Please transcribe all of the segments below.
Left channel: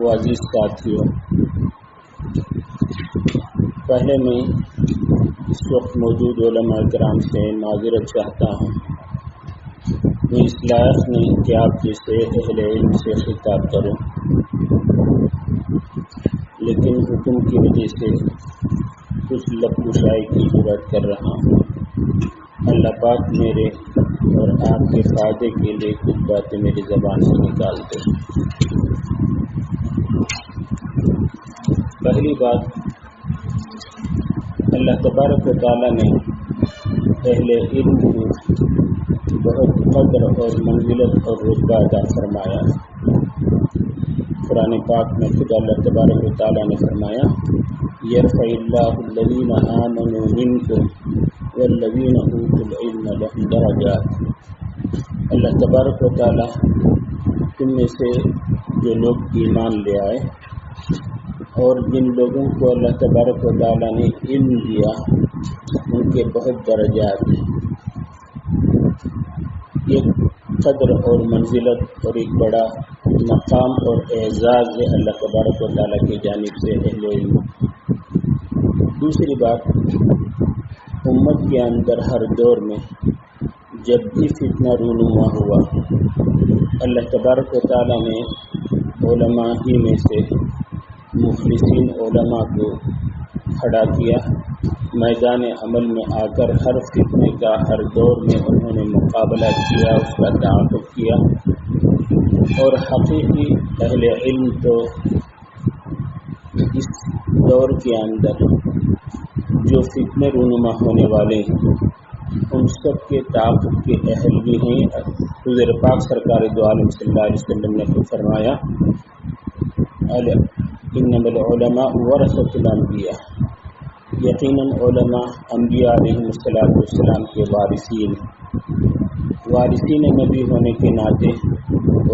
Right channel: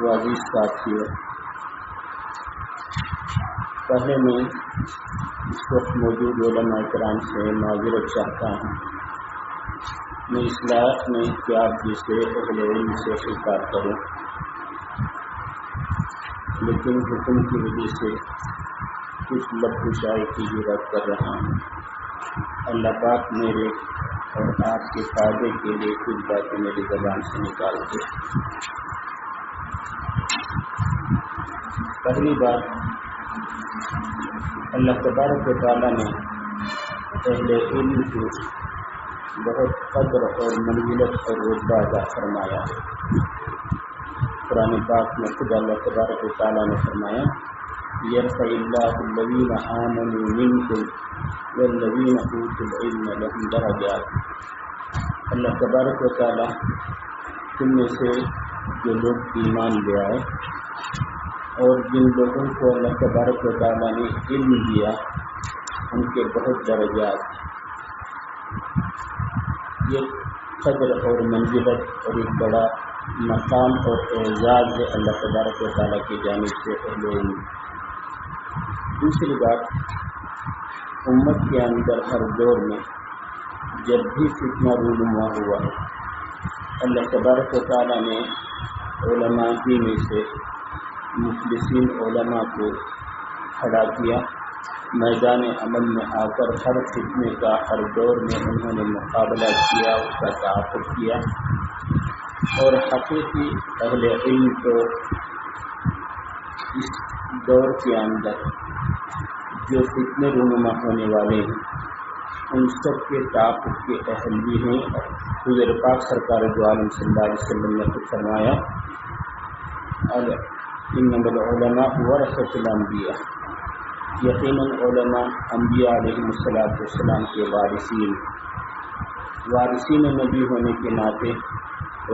و عزیز ساتھیوں، پہلے میں اس وقت موجود علماء کرام سے معذرت چاہتا ہوں۔ میں اس لائق نہیں کہ آپ جیسے اہل علم سے خطاب کروں، لیکن حکم کی وجہ سے کچھ لب کشائی کی جرات کر رہا ہوں۔ اللہ پاک میرے اور آپ کے فائدے کے لیے کچھ باتیں میری زبان سے نکال دے۔ پہلی بات، اللہ تبارک و تعالیٰ نے اہل علم کو بہت قدر اور منزلت اور رتبہ عطا فرمایا۔ قرآن پاک میں خود اللہ تبارک و تعالیٰ نے فرمایا، یرفع اللہ الذین آمنوا منکم والذین اوتوا العلم لہم درجات۔ اللہ تبارک و تعالیٰ تم میں سے جو لوگ ایمان لے آئے اور جن لوگوں کو اللہ تبارک و تعالیٰ نے علم دیا ان کے بہت درجات ہیں۔ ایک قدر اور منزلت اور ایک بڑا مقام اور اعزاز ہے اللہ تبارک و تعالیٰ کی جانب سے اہل علم۔ دوسری بات، امت کے اندر ہر دور میں جب بھی فتنہ رونما ہوا، اللہ تبارک و تعالیٰ نے علماء ہی میں سے مخلصین علماء کو کھڑا کیا، میدان عمل میں آ کر ہر فتنے کا ہر دور میں انہوں نے مقابلہ کیا، اس کا تعاقب کیا، اور حقیقی اہل علم تو اس دور کے اندر جو فتنے رونما ہونے والے ہیں ان سب کے تعاقب کے اہل بھی ہیں۔ حضور پاک سرکار دو عالم صلی اللہ علیہ وسلم نے تو فرمایا، انما العلماء ورثۃ الانبیاء، یقیناً علماء انبیاء علیہ السلام کے وارثین نبی ہونے کے ناطے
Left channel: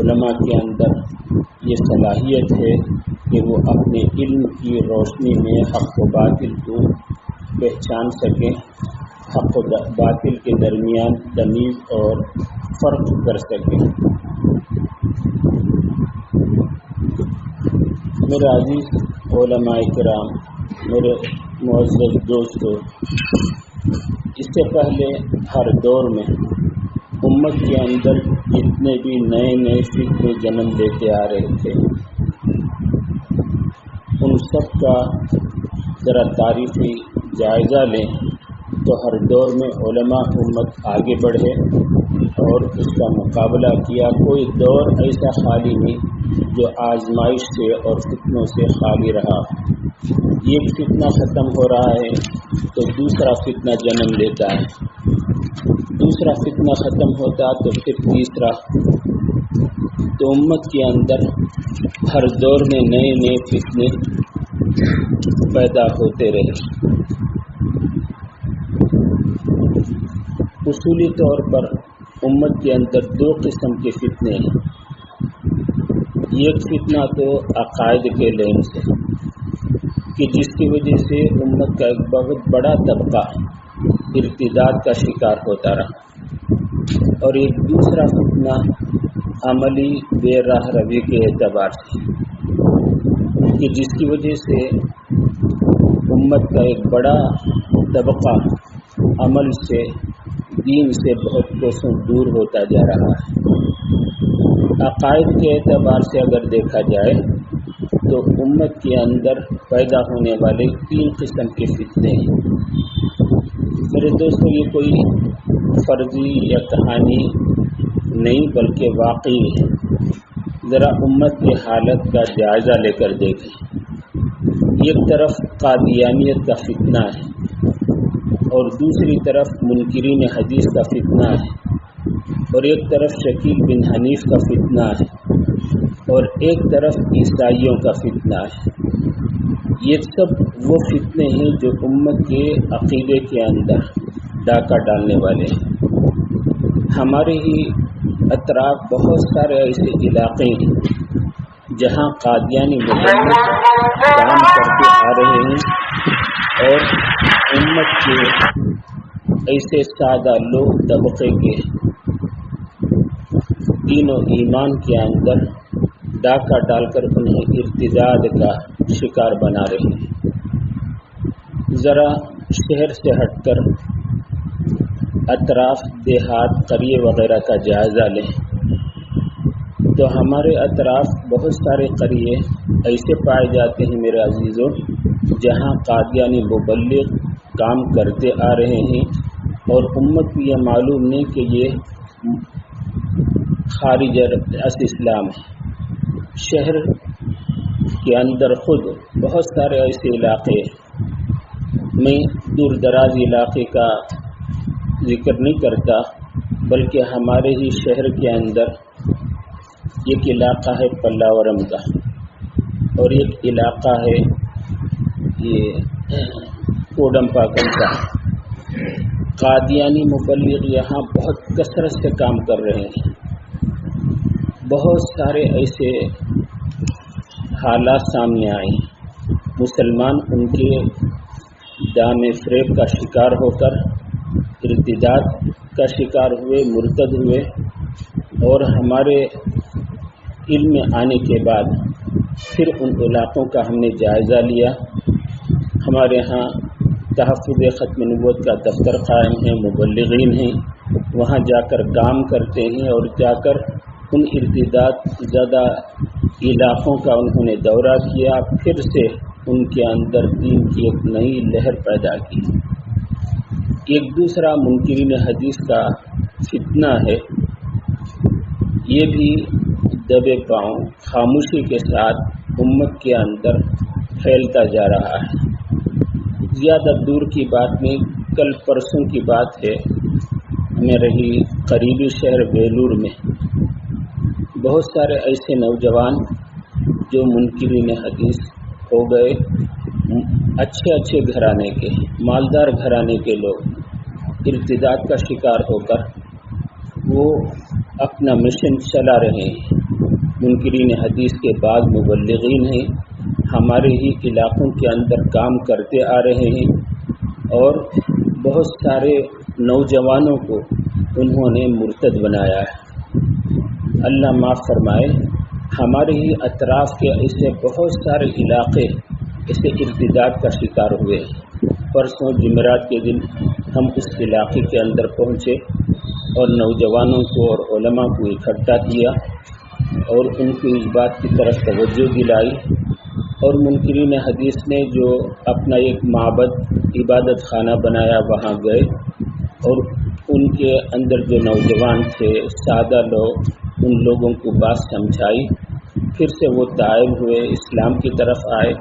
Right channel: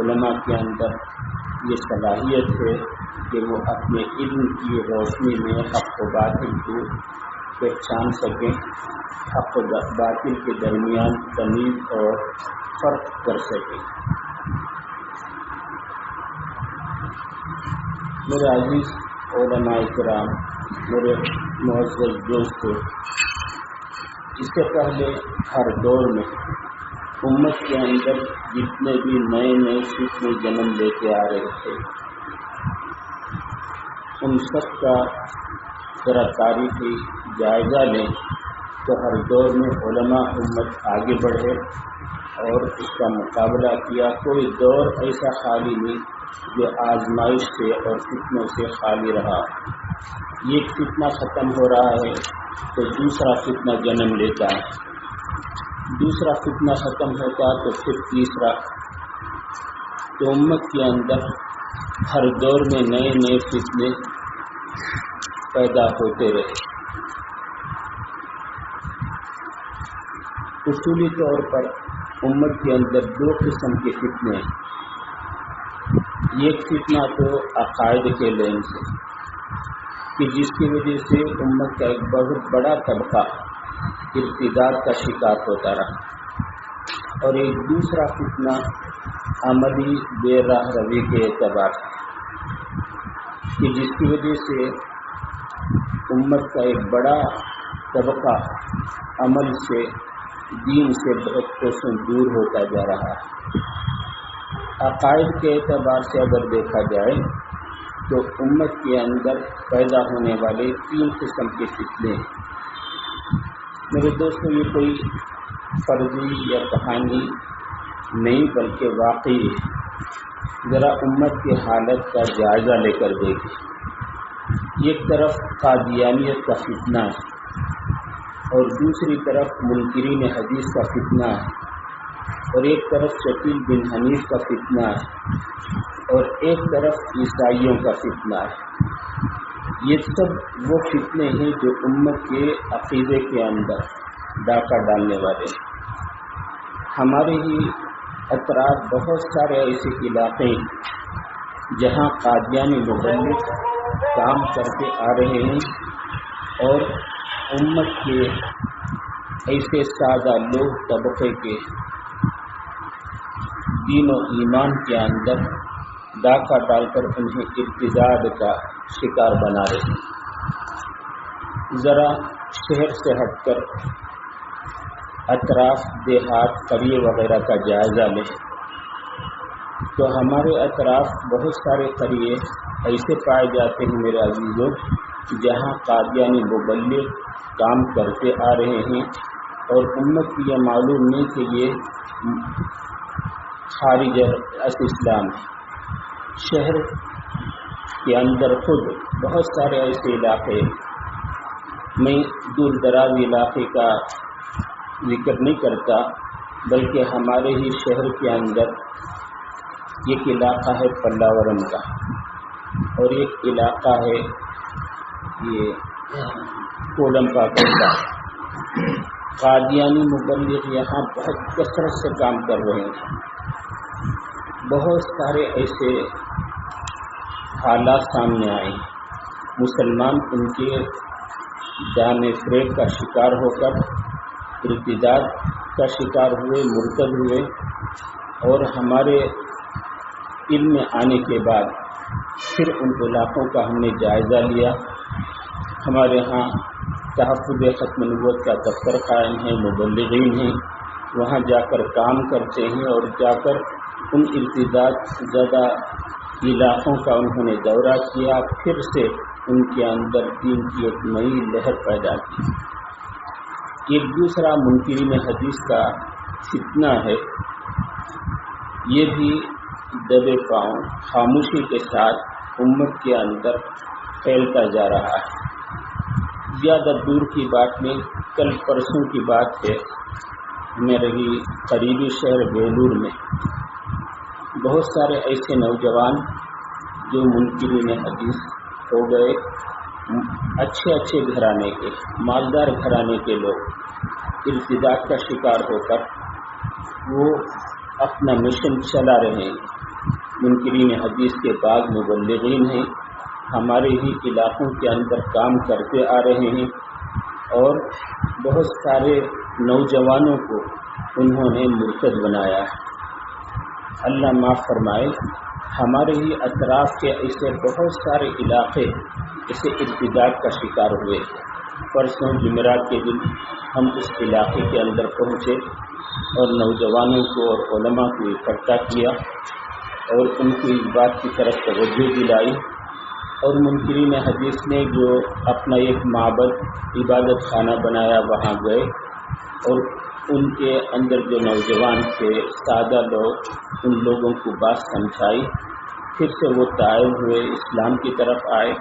علماء کے اندر یہ صلاحیت ہے کہ وہ اپنے علم کی روشنی میں حق و باطل کو پہچان سکیں، حق و باطل کے درمیان تمیز اور فرق کر سکیں۔ میرے عزیز علماء کرام، میرے معزز دوستو، اس سے پہلے ہر دور میں امت کے اندر جتنے بھی نئے فتنے جنم لیتے آ رہے تھے ان سب کا ذرا تاریخی جائزہ لیں تو ہر دور میں علماء امت آگے بڑھے اور اس کا مقابلہ کیا۔ کوئی دور ایسا خالی نہیں جو آزمائش سے اور فتنوں سے خالی رہا۔ ایک فتنہ ختم ہو رہا ہے تو دوسرا فتنہ جنم لیتا ہے، دوسرا فتنہ ختم ہوتا تو پھر تیسرا۔ تو امت کے اندر ہر دور میں نئے فتنے پیدا ہوتے رہے۔ اصولی طور پر امت کے اندر دو قسم کے فتنے ہیں۔ ایک فتنہ تو عقائد کے لین سے کہ جس کی وجہ سے امت کا ایک بہت بڑا طبقہ ارتداد کا شکار ہوتا رہا، اور ایک دوسرا فتنہ عملی بے راہ روی کے اعتبار سے کہ جس کی وجہ سے امت کا ایک بڑا طبقہ عمل سے، دین سے بہت کوسوں دور ہوتا جا رہا ہے۔ عقائد کے اعتبار سے اگر دیکھا جائے تو امت کے اندر پیدا ہونے والے 3 قسم کے فتنے ہیں۔ میرے دوستو، یہ کوئی فرضی یا کہانی نہیں بلکہ واقعی ہے۔ ذرا امت کی حالت کا جائزہ لے کر دیکھیں۔ ایک طرف قادیانیت کا فتنہ ہے اور دوسری طرف منکرین حدیث کا فتنہ ہے، اور ایک طرف شکیل بن حنیف کا فتنہ ہے، اور ایک طرف عیسائیوں کا فتنہ ہے۔ یہ سب وہ فتنے ہیں جو امت کے عقیدے کے اندر ڈاکہ ڈالنے والے ہیں۔ ہمارے ہی اطراف بہت سارے ایسے علاقے ہیں جہاں قادیانی مذہب کام کرتے آ رہے ہیں اور امت کے ایسے سادہ لوگ طبقے کے دین و ایمان کے اندر ڈاکہ ڈال کر انہیں ارتداد کا شکار بنا رہے ہیں۔ ذرا شہر سے ہٹ کر اطراف دیہات قریے وغیرہ کا جائزہ لیں تو ہمارے اطراف بہت سارے قریے ایسے پائے جاتے ہیں میرے عزیزوں جہاں قادیانی مبلغ کام کرتے آ رہے ہیں اور امت کو یہ معلوم نہیں کہ یہ خارج از اسلام ہے۔ شہر کے اندر خود بہت سارے ایسے علاقے، میں دور دراز علاقے کا ذکر نہیں کرتا بلکہ ہمارے ہی شہر کے اندر ایک علاقہ ہے پلاورم کا اور ایک علاقہ ہے یہ کوڈمپاکل کا۔ قادیانی مبلغ یہاں بہت کثرت سے کام کر رہے ہیں۔ بہت سارے ایسے حالات سامنے آئے، مسلمان ان کے دام فریب کا شکار ہو کر ارتداد کا شکار ہوئے، مرتد ہوئے، اور ہمارے علم میں آنے کے بعد پھر ان علاقوں کا ہم نے جائزہ لیا۔ ہمارے ہاں تحفظ ختم نبوت کا دفتر قائم ہے، مبلغین ہیں، وہاں جا کر کام کرتے ہیں اور جا کر ان ارتداد زدہ علاقوں کا انہوں نے دورہ کیا، پھر سے ان کے اندر دین کی ایک نئی لہر پیدا کی۔ ایک دوسرا منکرین حدیث کا فتنہ ہے، یہ بھی دبے پاؤں خاموشی کے ساتھ امت کے اندر پھیلتا جا رہا ہے۔ زیادہ دور کی بات نہیں، کل پرسوں کی بات ہے، میرے ہی قریبی شہر بیلور میں بہت سارے ایسے نوجوان جو منکرین حدیث ہو گئے، اچھے گھرانے کے، مالدار گھرانے کے لوگ ارتداد کا شکار ہو کر وہ اپنا مشن چلا رہے ہیں۔ منکرین حدیث کے بعض مبلغین ہیں، ہمارے ہی علاقوں کے اندر کام کرتے آ رہے ہیں اور بہت سارے نوجوانوں کو انہوں نے مرتد بنایا ہے۔ اللہ معاف فرمائے، ہمارے ہی اطراف کے ایسے بہت سارے علاقے اسے ارتداد کا شکار ہوئے۔ پرسوں جمعرات کے دن ہم اس علاقے کے اندر پہنچے اور نوجوانوں کو اور علماء کو اکٹھا کیا اور ان کو اس بات کی طرف توجہ دلائی، اور منکرین حدیث نے جو اپنا ایک معبد عبادت خانہ بنایا وہاں گئے اور ان کے اندر جو نوجوان تھے، سادہ لوگ، ان لوگوں کو بات سمجھائی، پھر سے وہ تائب ہوئے، اسلام کی طرف آئے۔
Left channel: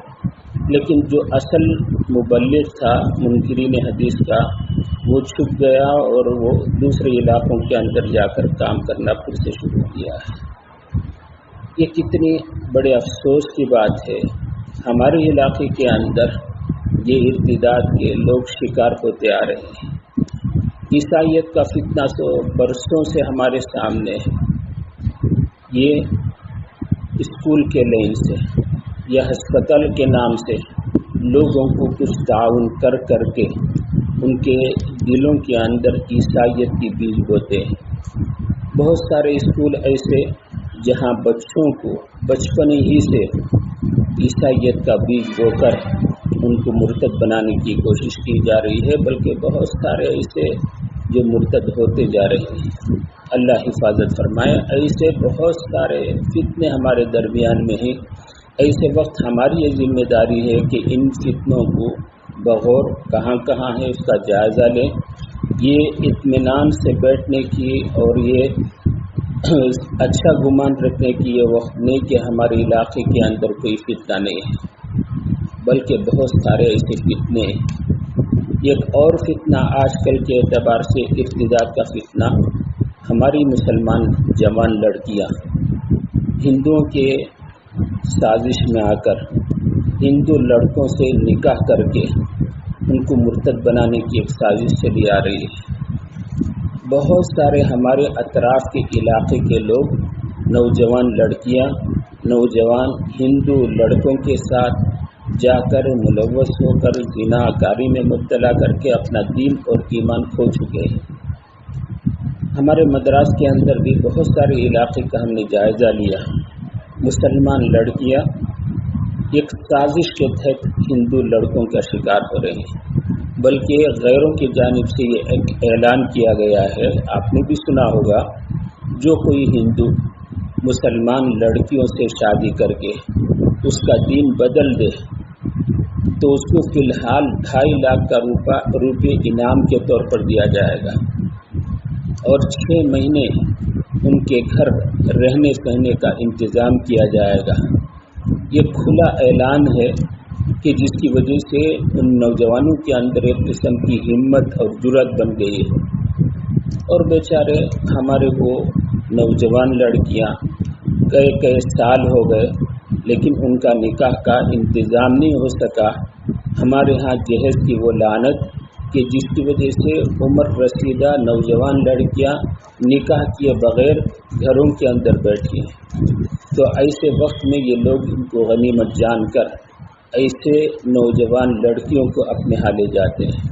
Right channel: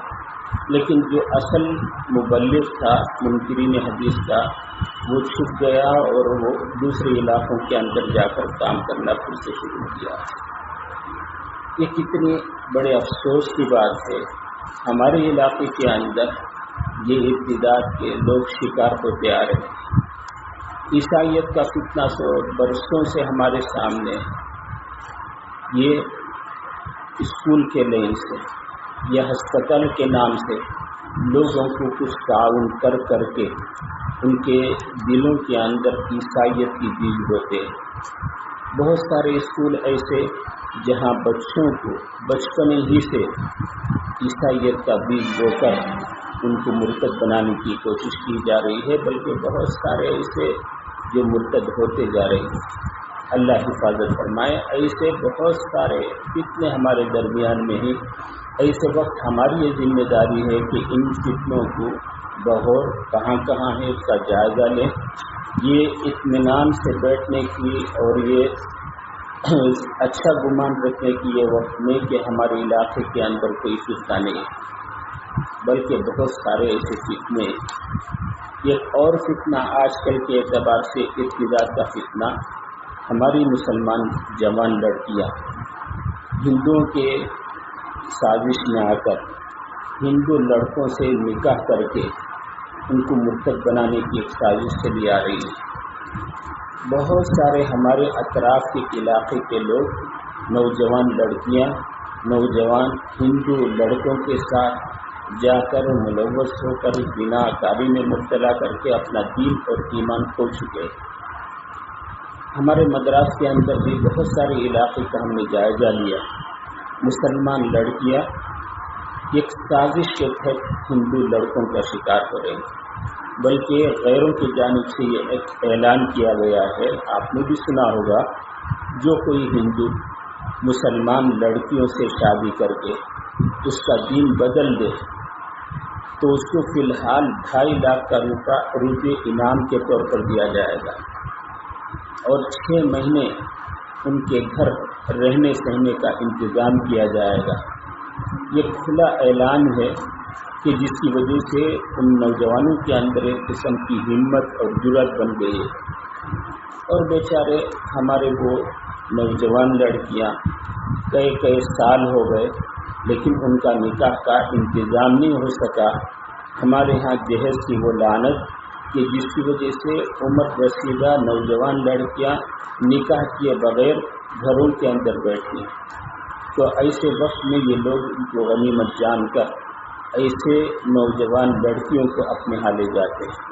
لیکن جو اصل مبلغ تھا منکرین حدیث کا، وہ چھپ گیا اور وہ دوسرے علاقوں کے اندر جا کر کام کرنا پھر سے شروع کیا ہے۔ یہ کتنی بڑے افسوس کی بات ہے، ہمارے علاقے کے اندر یہ ارتداد کے لوگ شکار ہوتے آ رہے ہیں۔ عیسائیت کا فتنہ تو برسوں سے ہمارے سامنے ہے، یہ اسکول کے لین سے یا ہسپتال کے نام سے لوگوں کو کچھ تعاون کر کے ان کے دلوں کے اندر عیسائیت کی بیج بوتے ہیں۔ بہت سارے اسکول ایسے جہاں بچوں کو بچپن ہی سے عیسائیت کا بیج بو کر ان کو مرتد بنانے کی کوشش کی جا رہی ہے، بلکہ بہت سارے ایسے جو مرتد ہوتے جا رہے ہیں۔ اللہ حفاظت فرمائے، ایسے بہت سارے فتنے ہمارے درمیان میں ہیں۔ ایسے وقت ہماری یہ ذمہ داری ہے کہ ان فتنوں کو بغور کہاں ہے اس کا جائزہ لیں۔ یہ اطمینان سے بیٹھنے کی اور یہ اچھا گمان رکھنے کی یہ وقت نہیں کہ ہمارے علاقے کے اندر کوئی فتنہ نہیں ہے، بلکہ بہت سارے ایسے فتنے ہیں۔ ایک اور فتنہ آج کل کے اعتبار سے ارتداد کا فتنہ، ہماری مسلمان جوان لڑکیاں ہندوؤں کے سازش میں آ کر ہندو لڑکوں سے نکاح کر کے ان کو مرتد بنانے کی ایک سازش چلی آ رہی ہے۔ بہت سارے ہمارے اطراف کے علاقے کے لوگ، نوجوان لڑکیاں، نوجوان ہندو لڑکوں کے ساتھ جا کر ملوث ہو کر زنا کاری میں مبتلا کر کے اپنا دین اور ایمان کھو چکے ہیں۔ ہمارے مدراس کے اندر بھی بہت سارے علاقے کا ہم نے جائزہ لیا، مسلمان لڑکیاں ایک سازش کے تحت ہندو لڑکوں کا شکار ہو رہی ہیں، بلکہ غیروں کی جانب سے یہ ایک اعلان کیا گیا ہے، آپ نے بھی سنا ہوگا، جو کوئی ہندو مسلمان لڑکیوں سے شادی کر کے اس کا دین بدل دے تو اس کو فی الحال 2.5 لاکھ کا روپے انعام کے طور پر دیا جائے گا، اور 6 مہینے ان کے گھر رہنے سہنے کا انتظام کیا جائے گا۔ یہ کھلا اعلان ہے کہ جس کی وجہ سے ان نوجوانوں کے اندر ایک قسم کی ہمت اور جرأت بن گئی ہے، اور بیچارے ہمارے وہ نوجوان لڑکیاں کئی سال ہو گئے لیکن ان کا نکاح کا انتظام نہیں ہو سکا۔ ہمارے ہاں جہیز کی وہ لعنت کہ جس کی وجہ سے عمر رسیدہ نوجوان لڑکیاں نکاح کیے بغیر گھروں کے اندر بیٹھی ہیں، تو ایسے وقت میں یہ لوگ ان کو غنیمت جان کر ایسے نوجوان لڑکیوں کو اپنے ہاں لے جاتے ہیں۔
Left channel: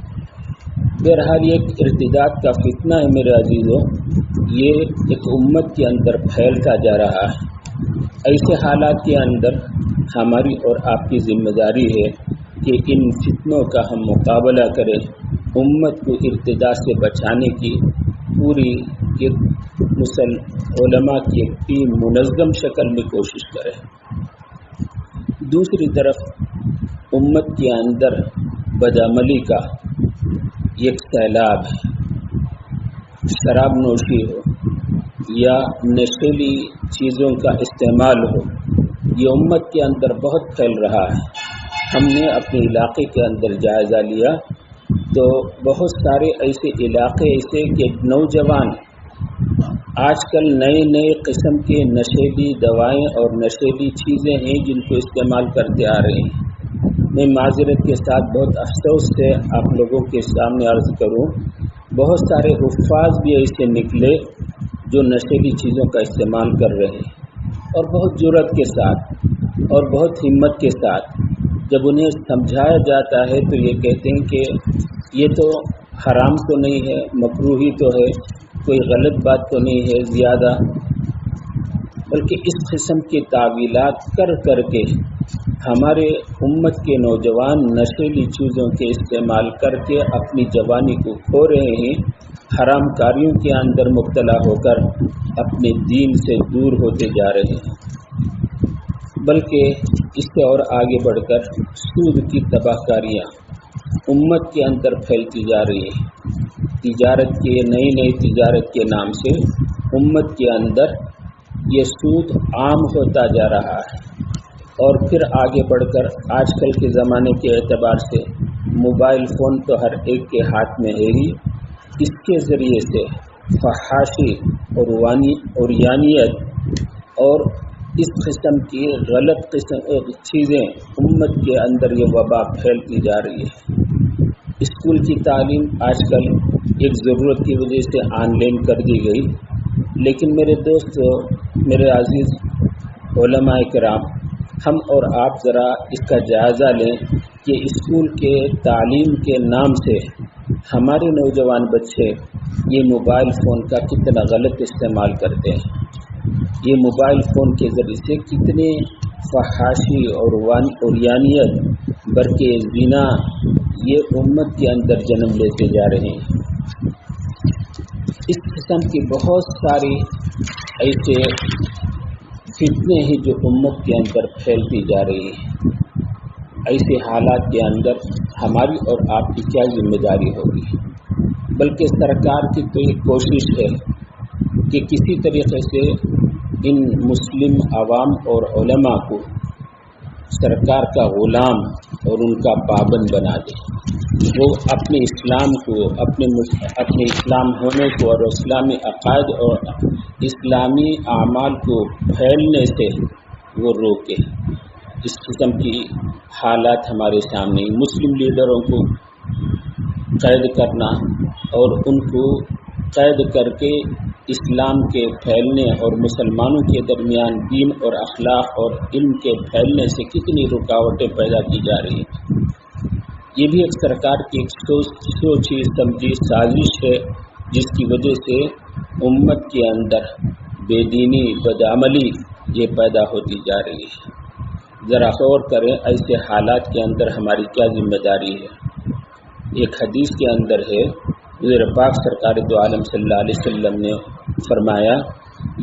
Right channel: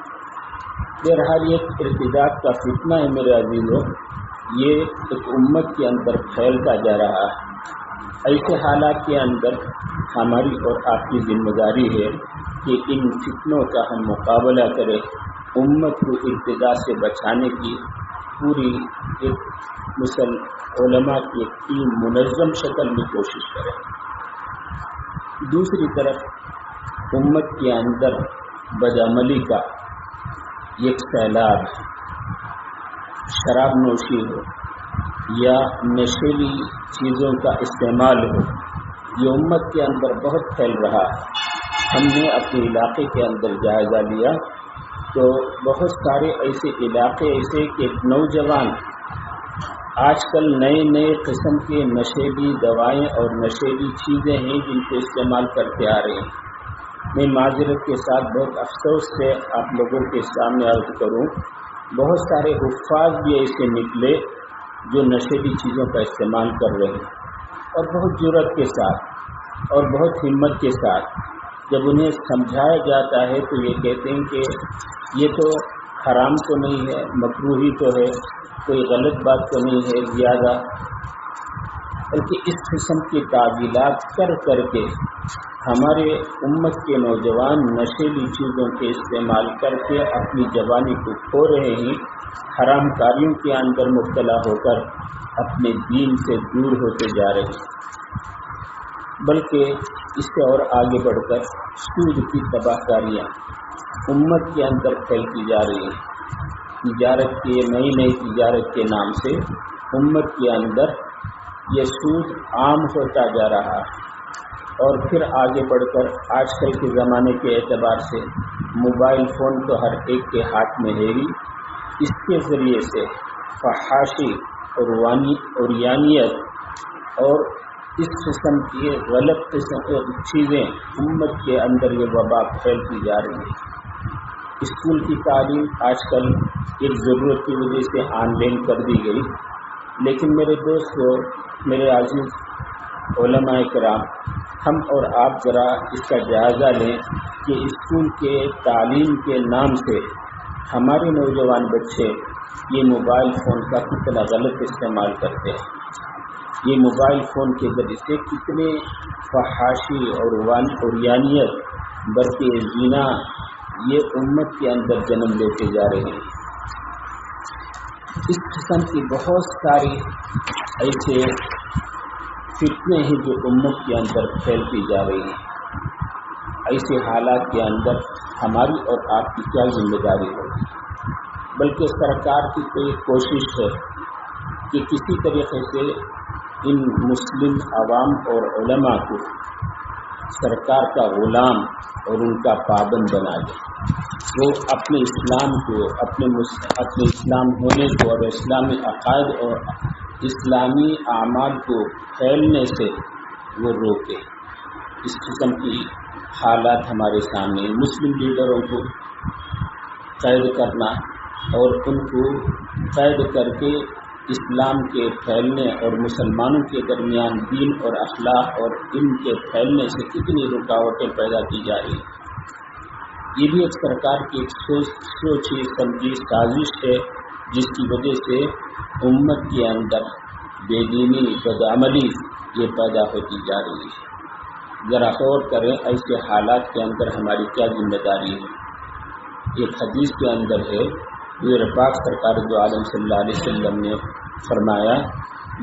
بہرحال یہ ایک ارتداد کا فتنہ ہے میرے عزیزوں، یہ ایک امت کے اندر پھیلتا جا رہا ہے۔ ایسے حالات کے اندر ہماری اور آپ کی ذمہ داری ہے کہ ان فتنوں کا ہم مقابلہ کریں، امت کو ارتداد سے بچانے کی پوری ایک علماء کی ایک ٹیم منظم شکل میں کوشش کریں۔ دوسری طرف امت کے اندر بدعملی کا ایک سیلاب ہے، شراب نوشی ہو یا نشیلی چیزوں کا استعمال ہو، یہ امت کے اندر بہت پھیل رہا ہے۔ ہم نے اپنے علاقے کے اندر جائزہ لیا تو بہت سارے ایسے علاقے ایسے کہ نوجوان آج کل نئے قسم کے نشیلی دوائیں اور نشیلی چیزیں ہیں جن کو استعمال کرتے آ رہے ہیں۔ میں معذرت کے ساتھ بہت افسوس سے آپ لوگوں کے سامنے عرض کروں، بہت سارے حفاظ بھی ایسے نکلے جو نشیلی چیزوں کا استعمال کر رہے ہیں، اور بہت جرأت کے ساتھ اور بہت ہمت کے ساتھ جب انہیں سمجھایا جاتا ہے تو یہ کہتے ہیں کہ یہ تو حرام تو نہیں ہے، مکروہی تو ہے، کوئی غلط بات تو نہیں ہے زیادہ، بلکہ اس قسم کی تعویلات کر کے ہمارے امت کے نوجوان نشیلی چیزوں کے استعمال کر کے اپنی جوانی کو کھو رہے ہیں، حرام کاریوں کے اندر مبتلا ہو کر اپنے دین سے دور ہوتے جا رہے ہیں، بلکہ اس سے اور آگے بڑھ کر سود کی تباہ کاریاں امت کے اندر پھیلتی جا رہی ہیں۔ تجارت کے نئی تجارت کے نام سے امت کے اندر یہ سود عام ہوتا جا رہا ہے، اور پھر آگے بڑھ کر آج کل کے زمانے کے اعتبار سے موبائل فون تو ہر ایک کے ہاتھ میں ہے ہی، اس کے ذریعے سے فحاشی اور عریانیت اور اس قسم کی غلط چیزیں امت کے اندر یہ وبا پھیلتی جا رہی ہے۔ اسکول کی تعلیم آج کل ایک ضرورت کی وجہ سے آن لائن کر دی گئی، لیکن میرے دوستو، میرے عزیز علماء کرام، ہم اور آپ ذرا اس کا جائزہ لیں کہ اسکول کے تعلیم کے نام سے ہمارے نوجوان بچے یہ موبائل فون کا کتنا غلط استعمال کرتے ہیں، یہ موبائل فون کے ذریعے سے کتنے فحاشی اور عریانیت برقع زنا یہ امت کے اندر جنم لیتے جا رہے ہیں۔ اس قسم کی بہت ساری ایسے فتنے ہیں جو امت کے اندر پھیلتی جا رہی ہیں۔ ایسے حالات کے اندر ہماری اور آپ کی کیا ذمہ داری ہوگی؟ بلکہ سرکار کی تو یہ کوشش ہے کہ کسی طریقے سے ان مسلم عوام اور علماء کو سرکار کا غلام اور ان کا پابند بنا دے، وہ اپنے اسلام کو، اپنے اسلام ہونے کو اور اسلامی عقائد اور اسلامی اعمال کو پھیلنے سے وہ روکے۔ اس قسم کی حالات ہمارے سامنے، مسلم لیڈروں کو قید کرنا اور ان کو قید کر کے اسلام کے پھیلنے اور مسلمانوں کے درمیان دین اور اخلاق اور علم کے پھیلنے سے کتنی رکاوٹیں پیدا کی جا رہی ہیں۔ یہ بھی ایک سرکار کی ایک سوچی سمجھی سازش ہے جس کی وجہ سے امت کے اندر بے دینی، بدعملی یہ پیدا ہوتی جا رہی ہے۔ ذرا غور کریں ایسے حالات کے اندر ہماری کیا ذمہ داری ہے۔ ایک حدیث کے اندر ہے، حضور پاک سرکار دو عالم صلی اللہ علیہ وسلم نے فرمایا،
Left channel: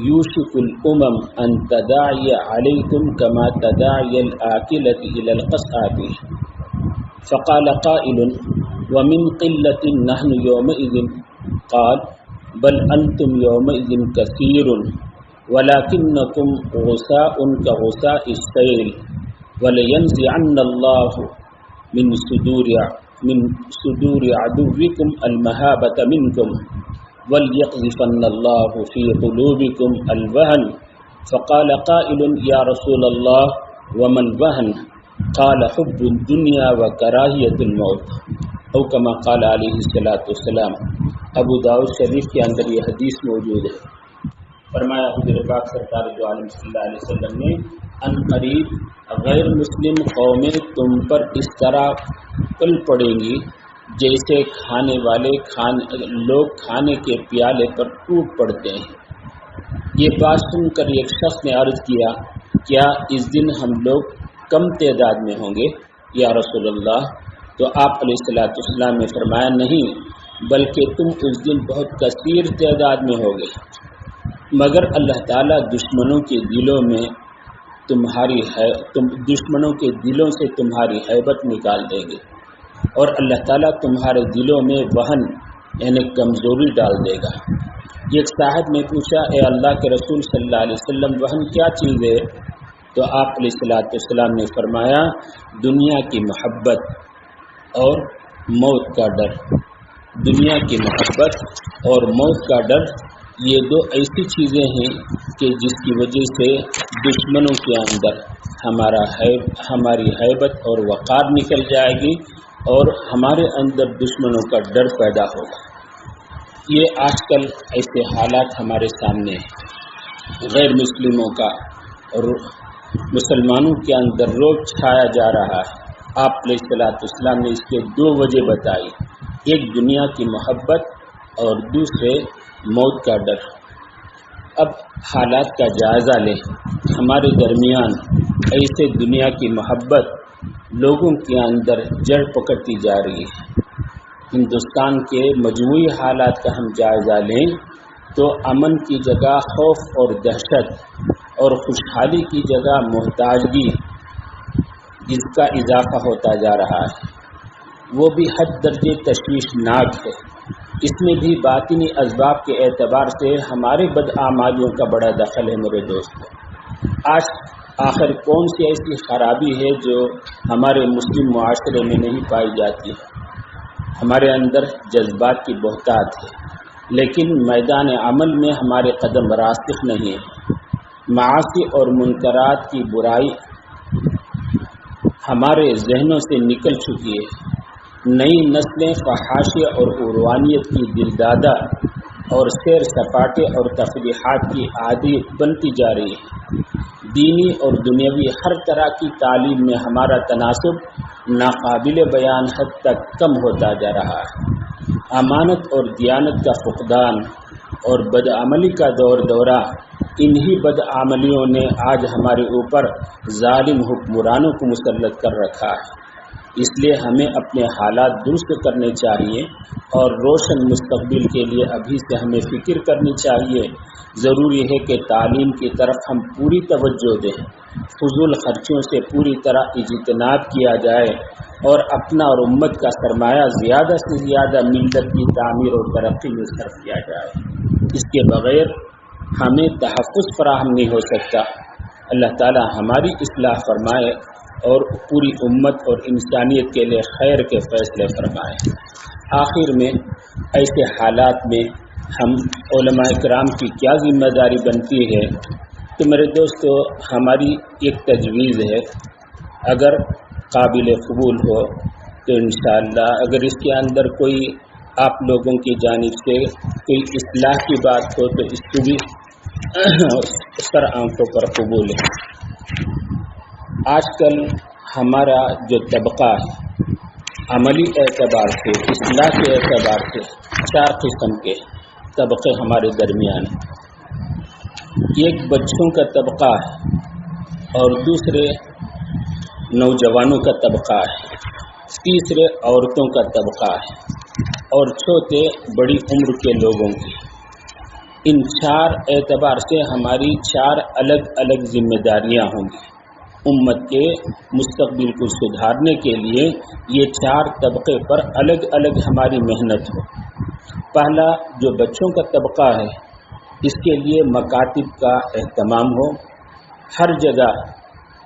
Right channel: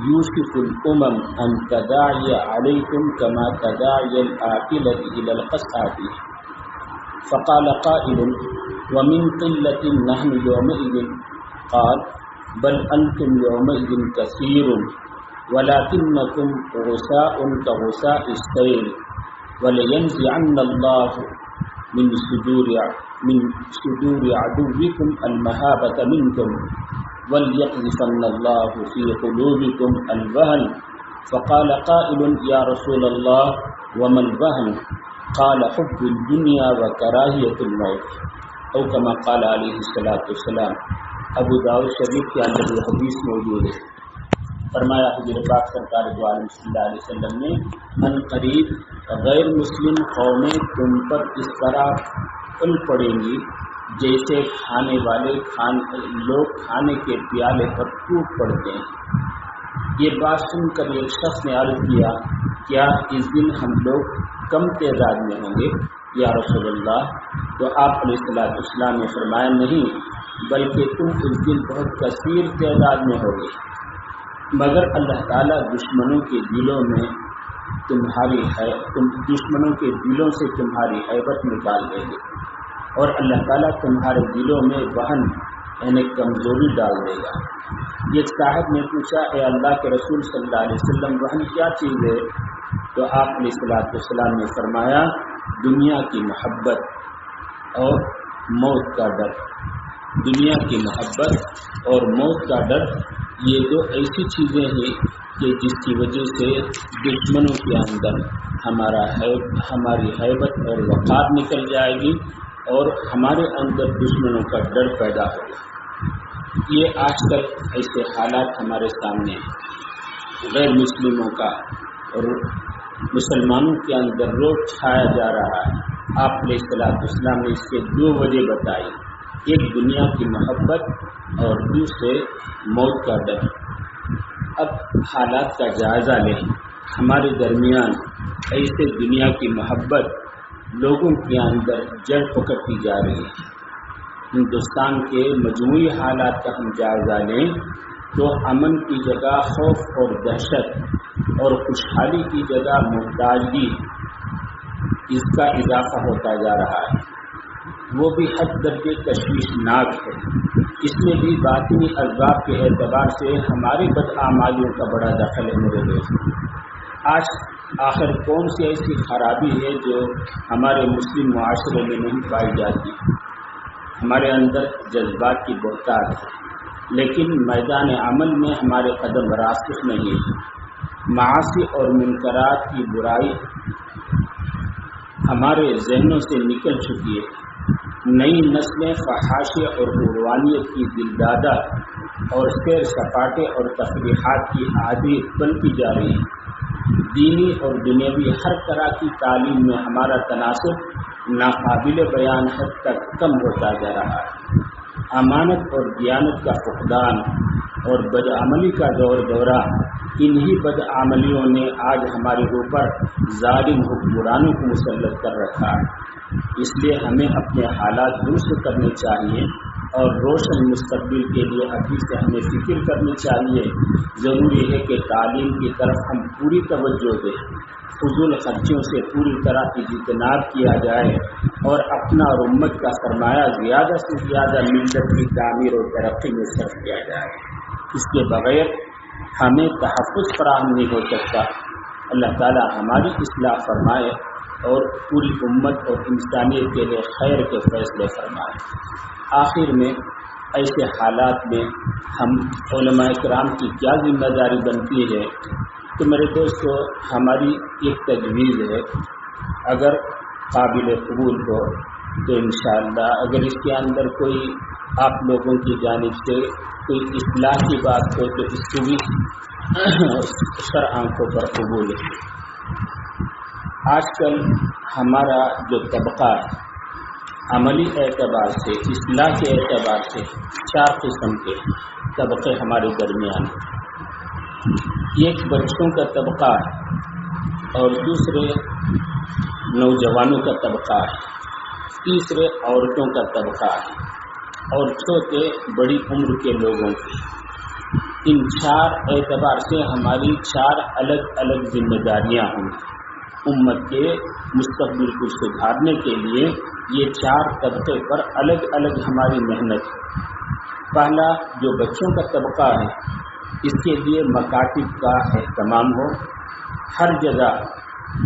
یوشک الامم ان تداعی علیکم کما تداعی الآکلۃ الی القصعۃ، فقال قائل ومن قلۃ نحن یومئذ قال بل انتم یومئذ کثیر ولکنکم غثاء کغثاء السیل ولینزعن اللہ من صدور عدوکم المہابۃ منکم وليقذفن الله في قلوبكم الوهن فقال قائل يا رسول الله وما الوهن قال حب الدنيا وكراهية الموت او كما قال عليه الصلاة والسلام۔ ابو داؤد شریف کے اندر یہ حدیث موجود ہے۔ فرمایا حضور پاک سرکار دو عالم صلی اللہ علیہ وسلم نے، ان قریب غیر مسلم قومیں تم پر اس طرح پل پڑیں گی جیسے کھانے والے لوگ کھانے کے پیالے پر ٹوٹ پڑتے ہیں۔ یہ بات سن کر ایک شخص نے عرض کیا، کیا اس دن ہم لوگ کم تعداد میں ہوں گے یا رسول اللہ؟ تو آپ علیہ الصلوۃ والسلام نے فرمایا، نہیں بلکہ تم اس دن بہت کثیر تعداد میں ہوگے، مگر اللہ تعالیٰ دشمنوں کے دلوں سے تمہاری ہیبت نکال دیں گے، اور اللہ تعالیٰ تمہارے دلوں میں وہن یعنی کمزوری ڈال دے گا۔ ایک صاحب نے پوچھا، اے اللہ کے رسول صلی اللہ علیہ وسلم، وہن کیا چیز ہے؟ تو آپ علیہ الصلوۃ والسلام نے فرمایا، دنیا کی محبت اور موت کا ڈر۔ دنیا کی محبت اور موت کا ڈر، یہ دو ایسی چیزیں ہیں کہ جس کی وجہ سے دشمنوں کے اندر ہماری ہیبت اور وقار نکل جائے گی اور ہمارے اندر دشمنوں کا ڈر پیدا ہوگا۔ یہ آج کل ایسے حالات ہمارے سامنے ہیں، غیر مسلموں کا اور مسلمانوں کے اندر روب چھایا جا رہا ہے۔ آپ علیہ الصلوۃ والسلام نے اس کے دو وجہ بتائی، ایک دنیا کی محبت اور دوسرے موت کا ڈر۔ اب حالات کا جائزہ لیں، ہمارے درمیان ایسے دنیا کی محبت لوگوں کے اندر جڑ پکڑتی جا رہی ہے۔ ہندوستان کے مجموعی حالات کا ہم جائزہ لیں تو امن کی جگہ خوف اور دہشت اور خوشحالی کی جگہ محتاجگی، اس کا اضافہ ہوتا جا رہا ہے، وہ بھی حد درجے تشویشناک ہے۔ اس میں بھی باطنی اسباب کے اعتبار سے ہمارے بدعمالیوں کا بڑا دخل ہے۔ میرے دوستوں، آج آخر کون سی ایسی خرابی ہے جو ہمارے مسلم معاشرے میں نہیں پائی جاتی؟ ہمارے اندر جذبات کی بہتات ہے، لیکن میدان عمل میں ہمارے قدم راسخ نہیں ہیں۔ معاصی اور منکرات کی برائی ہمارے ذہنوں سے نکل چکی ہے۔ نئی نسلیں فحاشی اور عروانیت کی دلدادہ اور سیر سپاٹے اور تفریحات کی عادی بنتی جا رہی ہیں۔ دینی اور دنیاوی ہر طرح کی تعلیم میں ہمارا تناسب ناقابل بیان حد تک کم ہوتا جا رہا ہے۔ امانت اور دیانت کا فقدان اور بدعملی کا دورہ، انہی بدعملیوں نے آج ہمارے اوپر ظالم حکمرانوں کو مسلط کر رکھا ہے۔ اس لیے ہمیں اپنے حالات درست کرنے چاہیے اور روشن مستقبل کے لیے ابھی سے ہمیں فکر کرنی چاہیے۔ ضروری ہے کہ تعلیم کی طرف ہم پوری توجہ دیں، فضول خرچیوں سے پوری طرح اجتناب کیا جائے اور اپنا اور امت کا سرمایہ زیادہ سے زیادہ ملت کی تعمیر اور ترقی میں صرف کیا جائے۔ اس کے بغیر ہمیں تحفظ فراہم نہیں ہو سکتا۔ اللہ تعالی ہماری اصلاح فرمائے اور پوری امت اور انسانیت کے لیے خیر کے فیصلے فرمائے۔ آخر میں ایسے حالات میں ہم علماء کرام کی کیا ذمہ داری بنتی ہے؟ تو میرے دوستو، ہماری ایک تجویز ہے، اگر قابل قبول ہو تو انشاءاللہ اگر اس کے اندر کوئی آپ لوگوں کی جانب سے کوئی اصلاح کی بات ہو تو اس کو بھی سر آنکھوں پر قبول ہے۔ آج کل ہمارا جو طبقہ ہے عملی اعتبار سے، اصلاح کے اعتبار سے 4 قسم کے طبقے ہمارے درمیان ہیں۔ ایک بچوں کا طبقہ ہے اور دوسرے نوجوانوں کا طبقہ ہے، تیسرے عورتوں کا طبقہ ہے، اور چوتھے بڑی عمر کے لوگوں کی۔ ان 4 اعتبار سے ہماری 4 الگ الگ ذمہ داریاں ہوں گی۔ امت کے مستقبل کو سدھارنے کے لیے یہ 4 طبقے پر الگ الگ ہماری محنت ہو۔ پہلا جو بچوں کا طبقہ ہے، اس کے لیے مکاتب کا اہتمام ہو، ہر جگہ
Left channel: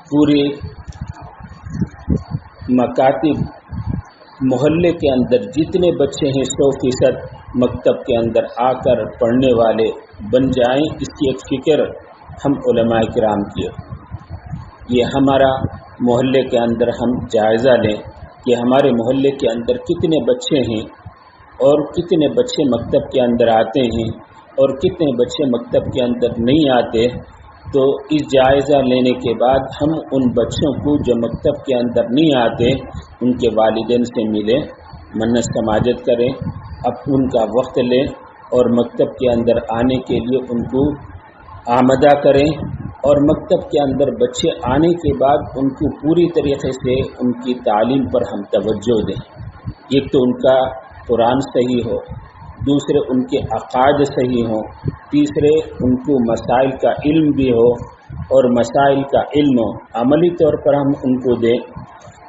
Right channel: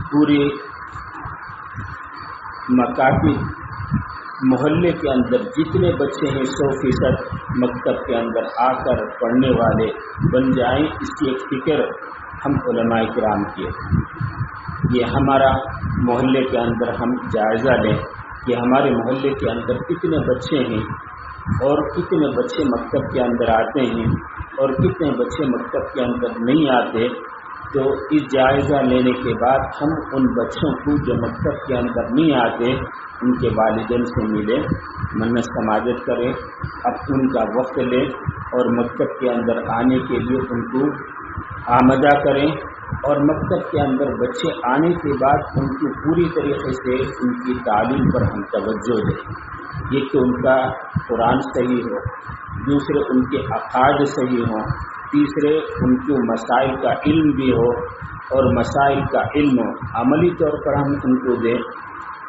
پوری مکاتب محلے کے اندر جتنے بچے ہیں 100% مکتب کے اندر آ کر پڑھنے والے بن جائیں، اس کی ایک فکر ہم علماء کرام کی ہو۔ یہ ہمارا محلے کے اندر ہم جائزہ لیں کہ ہمارے محلے کے اندر کتنے بچے ہیں اور کتنے بچے مکتب کے اندر آتے ہیں اور کتنے بچے مکتب کے اندر نہیں آتے۔ تو اس جائزہ لینے کے بعد ہم ان بچوں کو جو مکتب کے اندر نہیں آتے ان کے والدین سے ملیں، منت سماجت کریں، اب ان کا وقت لیں اور مکتب کے اندر آنے کے لیے ان کو آمادہ کریں، اور مکتب کے اندر بچے آنے کے بعد ان کو پوری طریقے سے ان کی تعلیم پر ہم توجہ دیں۔ ایک تو ان کا قرآن صحیح ہو، دوسرے ان کے عقائد صحیح ہوں، تیسرے ان کو مسائل کا علم بھی ہو، اور مسائل کا علم عملی طور پر ہم ان کو دیں۔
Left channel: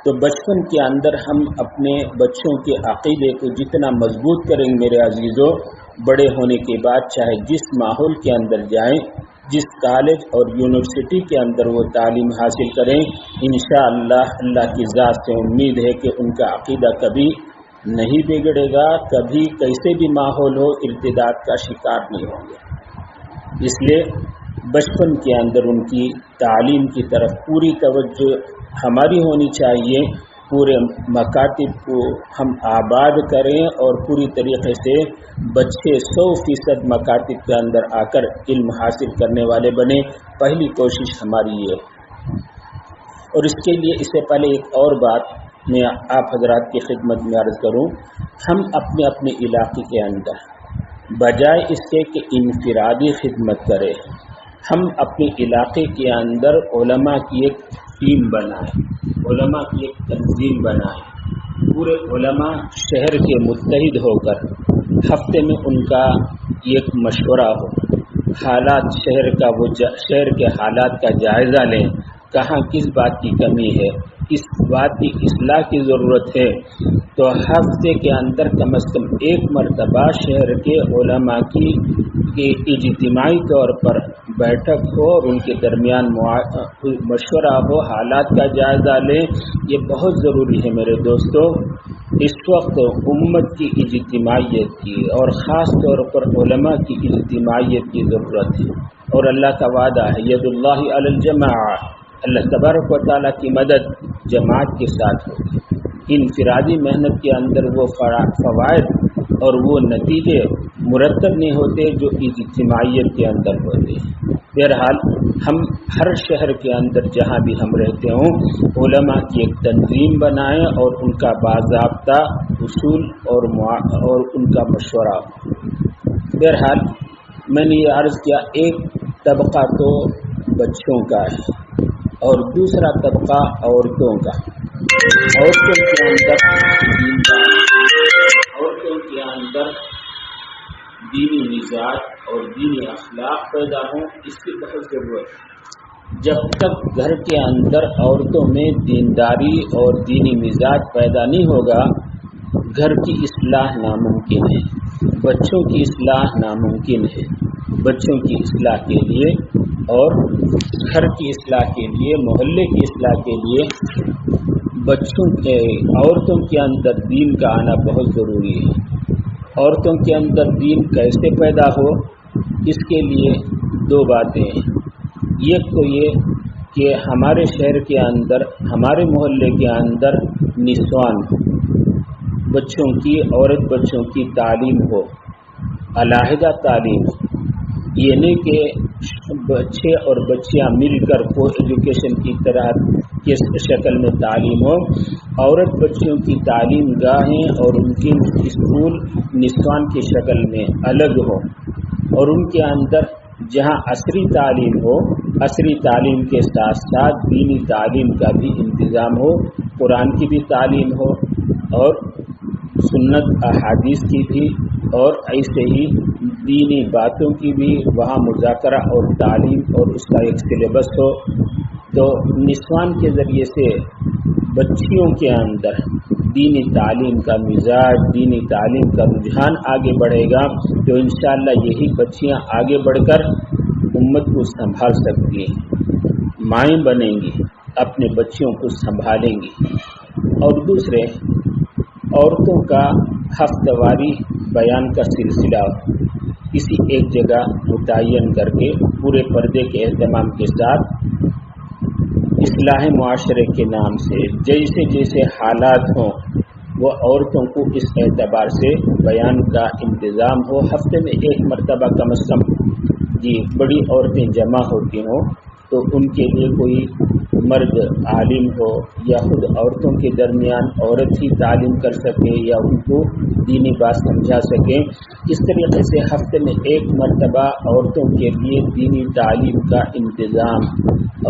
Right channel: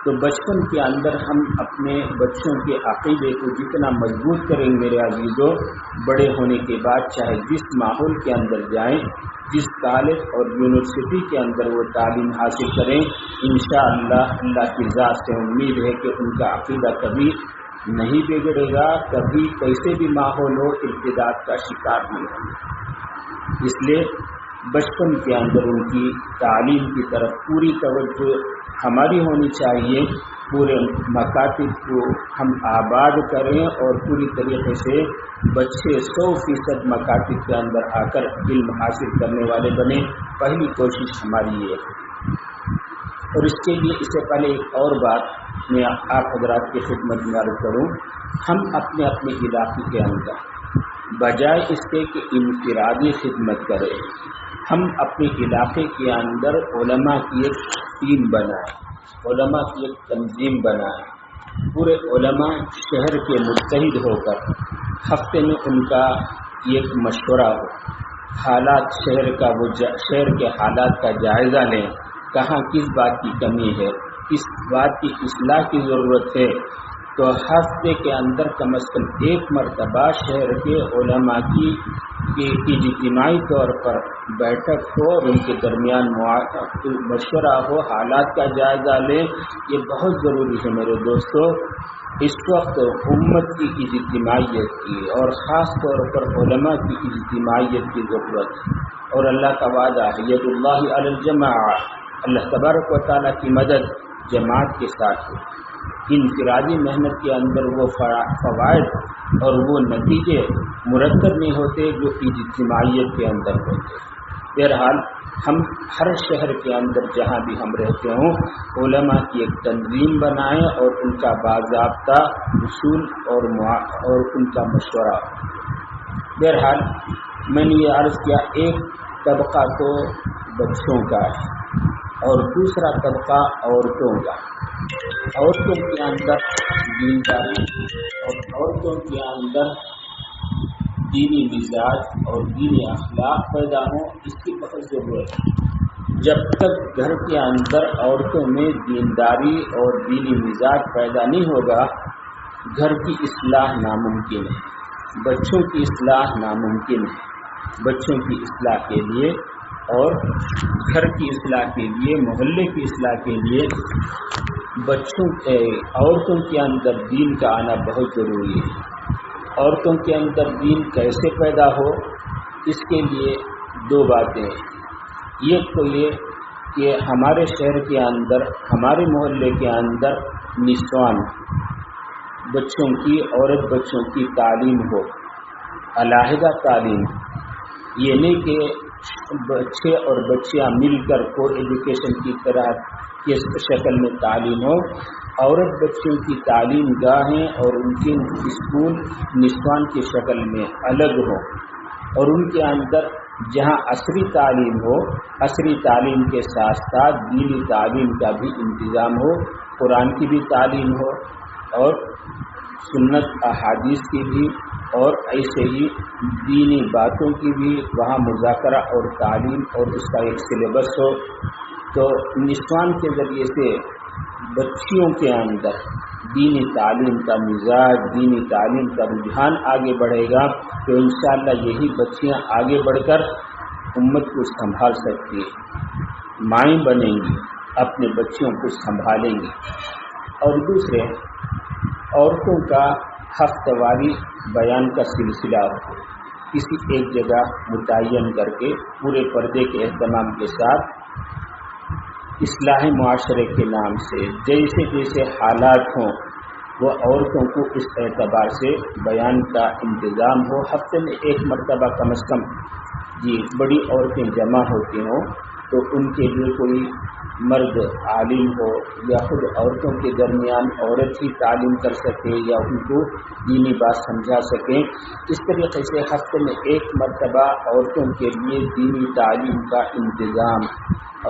تو بچپن کے اندر ہم اپنے بچوں کے عقیدے کو جتنا مضبوط کریں گے میرے عزیزوں، بڑے ہونے کے بعد چاہے جس ماحول کے اندر جائیں، جس کالج اور یونیورسٹی کے اندر وہ تعلیم حاصل کریں، انشاءاللہ اللہ کی ذات سے امید ہے کہ ان کا عقیدہ کبھی نہیں بگڑے گا، کبھی کیسے بھی ماحول ہو ارتداد کا شکار نہیں ہوں گے۔ اس لیے بچپن کے اندر ان کی تعلیم کی طرف پوری توجہ ہماری ہونی چاہیے، پورے مکاتب کو ہم آباد کریں اور پوری طریقے سے بچے 100% مکاتب کے اندر آ کر علم حاصل کرنے والے بنے۔ پہلی کوشش ہماری یہ ہے۔ اور اس کے لیے اس سے پہلے ایک اور بات میں آپ حضرات کی خدمت میں عرض کروں، ہم اپنے اپنے علاقے کے اندر بجائے اس کے کہ انفرادی خدمت کریں، ہم اپنے علاقے کے اندر علماء کی ایک ٹیم بنائیں، علماء کی ایک تنظیم بنائیں، پورے علماء شہر کے متحد ہو کر ہفتے میں ان کا ایک مشورہ ہو، حالات شہر کے حالات کا جائزہ لیں، کہاں کس بات کی کمی ہے، کس بات کی اصلاح کی ضرورت ہے۔ تو ہفتے کے اندر کم از کم ایک مرتبہ شہر کے علماء کی اجتماعی طور پر بیٹھک ہو اور ان کے درمیان مشورہ ہو، حالات کا جائزہ لیں۔ یہ بہت ضروری ہے میرے دوستو۔ اس وقت امت کی اجتماعیت کی اور خاص طور پر علماء کی اجتماعیت کی ضرورت ہے، اور اللہ کا وعدہ ہے ید اللہ علی الجماعہ، اللہ تبارک و تعالیٰ کی مدد جماعت کے ساتھ ہوتی ہے۔ انفرادی محنت کے اندر وہ فوائد اور وہ نتیجے مرتب نہیں ہوتے جو اجتماعیت کے اندر ہوتے ہیں۔ بہرحال ہم ہر شہر کے اندر جہاں بھی ہم رہتے ہوں علماء کی ایک تنظیم بنائیں اور ان کا باضابطہ اصول اور ان کا مشورہ۔ بہرحال میں نے یہ عرض کیا، ایک طبقہ تو بچوں کا ہے اور دوسرا طبقہ عورتوں کا۔ عورتوں کے اندر عورتوں کے اندر دینی مزاج اور دینی اخلاق پیدا ہوں، اس کی بہت ضرورت ہے۔ جب تک گھر کے اندر عورتوں میں دینداری اور دینی مزاج پیدا نہیں ہوگا، گھر کی اصلاح ناممکن ہے، بچوں کی اصلاح ناممکن ہے۔ بچوں کی اصلاح کے لیے اور گھر کی اصلاح کے لیے، محلے کی اصلاح کے لیے عورتوں کے اندر دین کا آنا بہت ضروری ہے۔ عورتوں کے اندر دین کیسے پیدا ہو، اس کے لیے 2 باتیں ہیں۔ ایک تو یہ کہ ہمارے شہر کے اندر، ہمارے محلے کے اندر نسوان بچوں کی، عورت بچوں کی تعلیم ہو، علیحدہ تعلیم۔ یہ نہیں کہ بچے اور بچیاں مل کر کو ایجوکیشن کی طرح کی شکل میں تعلیم ہو، عورت بچیوں کی تعلیم گاہیں اور ان کی اسکول نسوان کی شکل میں الگ ہو، اور ان کے اندر جہاں عصری تعلیم ہو، عصری تعلیم کے ساتھ ساتھ دینی تعلیم کا بھی انتظام ہو، قرآن کی بھی تعلیم ہو اور سنت احادیث کی بھی، اور ایسے ہی دینی باتوں کی بھی وہاں مذاکرہ اور تعلیم اور اس کا ایک سلیبس ہو، تو نسوان کے ذریعے سے بچیوں کے اندر دینی تعلیم کا مزاج، دینی تعلیم کا رجحان آگے بڑھے گا، تو انشاءاللہ یہی بچیاں آگے بڑھ کر امت کو سنبھال سکتی ہیں، مائیں بنیں گی، اپنے بچیوں کو سنبھالیں گی۔ اور دوسرے، عورتوں کا ہفتہ واری بیان کا سلسلہ کسی ایک جگہ متعین کر کے پورے پردے کے اہتمام کے ساتھ اصلاح معاشرے کے نام سے جیسے جیسے حالات ہوں وہ عورتوں کو اس اعتبار سے بیان کا انتظام ہو، ہفتے میں ایک مرتبہ کم از کم بڑی عورتیں جمع ہوتی ہوں تو ان کے لیے کوئی مرد عالم ہو یا خود عورتوں کے درمیان عورت ہی تعلیم کر سکے یا ان کو دینی بات سمجھا سکیں، اس طریقے سے ہفتے میں ایک مرتبہ عورتوں کے لیے دینی تعلیم کا انتظام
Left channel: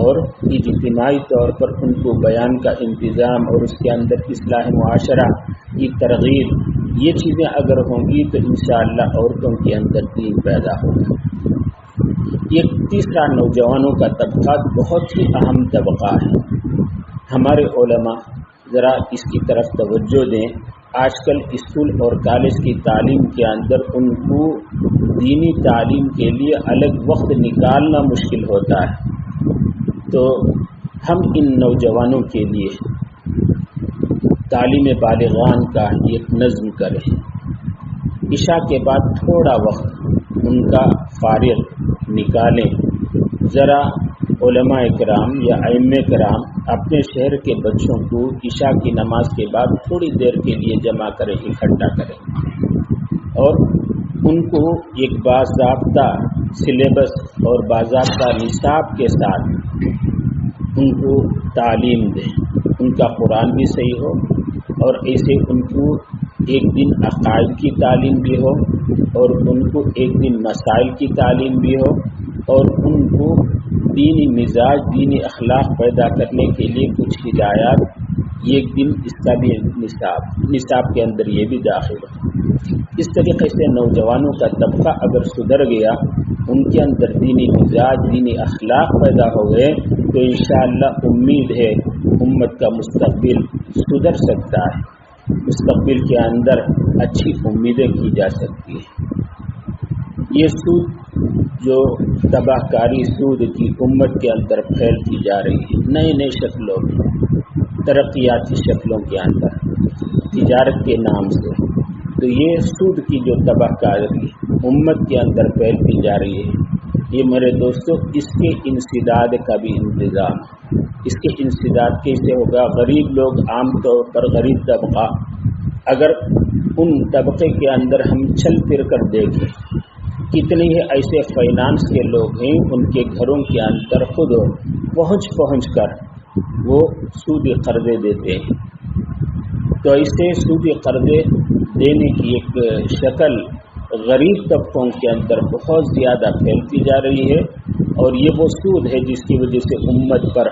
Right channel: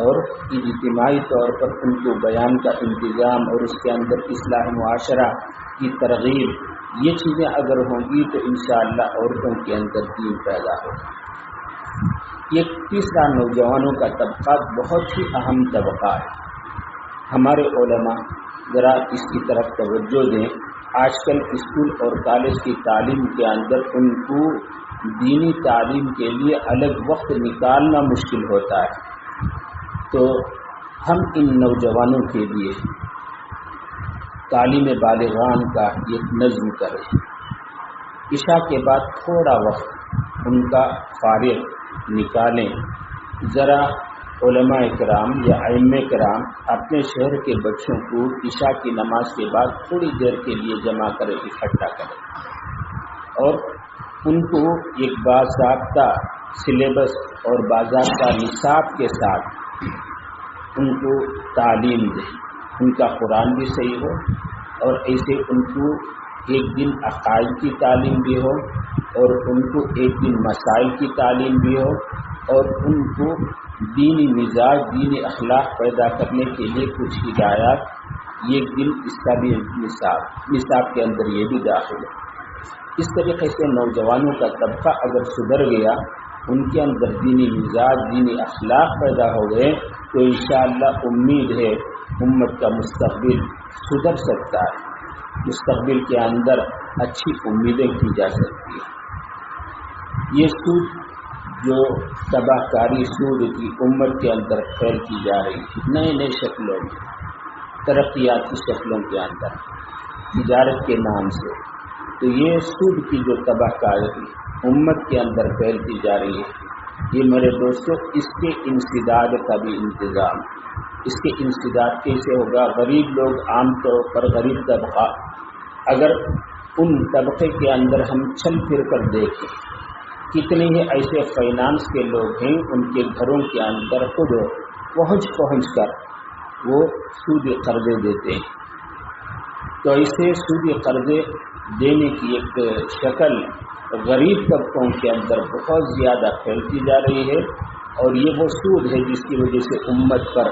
اور اجتماعی طور پر ان کو بیان کا انتظام اور اس کے اندر اصلاح معاشرہ کی ترغیب، یہ چیزیں اگر ہوں گی تو انشاءاللہ عورتوں کے اندر دین پیدا ہوگا۔ یہ تیسرا نوجوانوں کا طبقہ بہت ہی اہم طبقہ ہے، ہمارے علماء ذرا اس کی طرف توجہ دیں۔ آج کل اسکول اور کالج کی تعلیم کے اندر ان کو دینی تعلیم کے لیے الگ وقت نکالنا مشکل ہوتا ہے، تو ہم ان نوجوانوں کے لیے تعلیم بالغان کا ایک نظم کریں، عشاء کے بعد تھوڑا وقت ان کا فارغ نکالیں، ذرا علماء کرام یا ائمہ کرام اپنے شہر کے بچوں کو عشاء کی نماز کے بعد تھوڑی دیر کے لیے جمع کریں، اکٹھا کریں اور ان کو ایک باضابطہ سلیبس اور باضابطہ نصاب کے ساتھ ان کو تعلیم دیں، ان کا قرآن بھی صحیح ہو اور ایسے ان کو ایک دن عقائد کی تعلیم بھی ہو اور ان کو ایک دن مسائل کی تعلیم بھی ہو اور ان کو دینی مزاج، دینی اخلاق پیدا کرنے کے لیے کچھ ہدایات ایک دن اس کا بھی نصاب کے اندر یہ بھی داخل ہے۔ اس طریقے سے نوجوانوں کا طبقہ اگر سدھر گیا، ان کے اندر دینی مزاج، دینی اخلاق پیدا ہو گئے تو انشاءاللہ امید ہے امت کا مستقبل سدھر سکتا ہے، مستقبل کے اندر اچھی امیدیں کی جا سکتی ہیں۔ یہ سود جو تباہ کاری سود کی امت کے اندر پھیلتی جا رہی ہے، نئے نئے شکلوں میں، ترقیاتی شکلوں کے اندر، تجارت کے نام سے، تو یہ سود کی جو تباہ کاری امت کے اندر پھیلتی جا رہی ہے، یہ میرے دوستوں اس کے انسداد کا بھی انتظام، اس کے انسداد کیسے ہوگا؟ غریب لوگ، عام طور پر غریب طبقہ، اگر ان طبقے کے اندر ہم چل پھر کر دیکھیں، کتنے ہی ایسے فائنانس کے لوگ ہیں ان کے گھروں کے اندر خود پہنچ کر وہ سودی قرضے دیتے ہیں، تو ایسے سودی قرضے دینے کی ایک شکل غریب طبقوں کے اندر بہت زیادہ پھیلتی جا رہی ہے، اور یہ وہ سود ہے جس کی وجہ سے امت پر